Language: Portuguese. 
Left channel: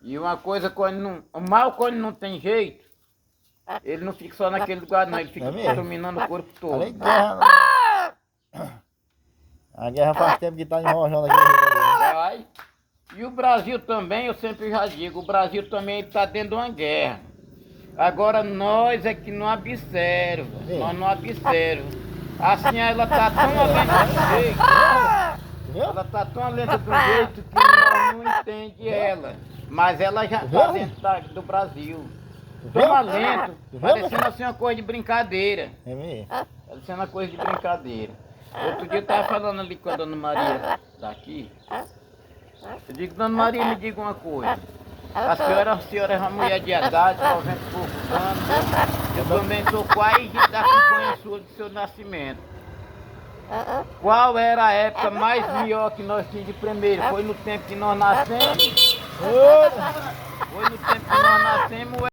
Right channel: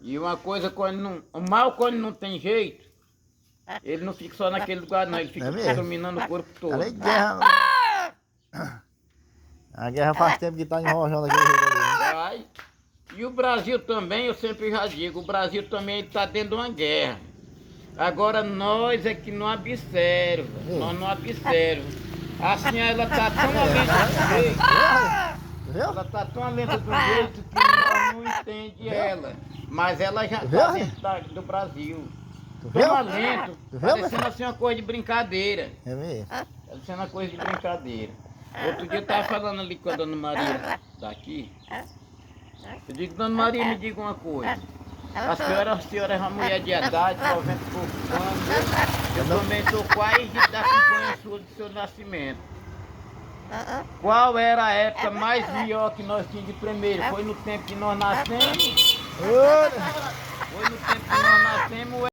E uma coisa, quando não, o mal quando não tem jeito, ele não fica só naquele lugar não, ele fica dominando o corpo todo. Além de guerra, né? A guerra faz tempo que tá enrojando aquele jeito ali, né? Vai. E o Brasil também, eu sempre já digo, o Brasil também está dentro de uma guerra. Agora nós é que não observa, nós não observamos. Assim ela está tão lenta do jeito, ela está tão lenta do jeito que nós não entende ela. Mas ela já está dentro do Brasil. Tão lento, parecendo assim uma coisa de brincadeira. É mesmo? Parecendo uma coisa de brincadeira. Outro dia eu estava falando ali com a dona Maria daqui. Eu digo, dona Maria, me diga uma coisa. A senhora é uma mulher de idade, 90 e poucos anos. Eu também estou quase da campanha sua do seu nascimento. Qual era a época mais melhor que nós tínhamos de primeiro? Foi no tempo que nós nascemos? Foi no tempo que nós nascemos?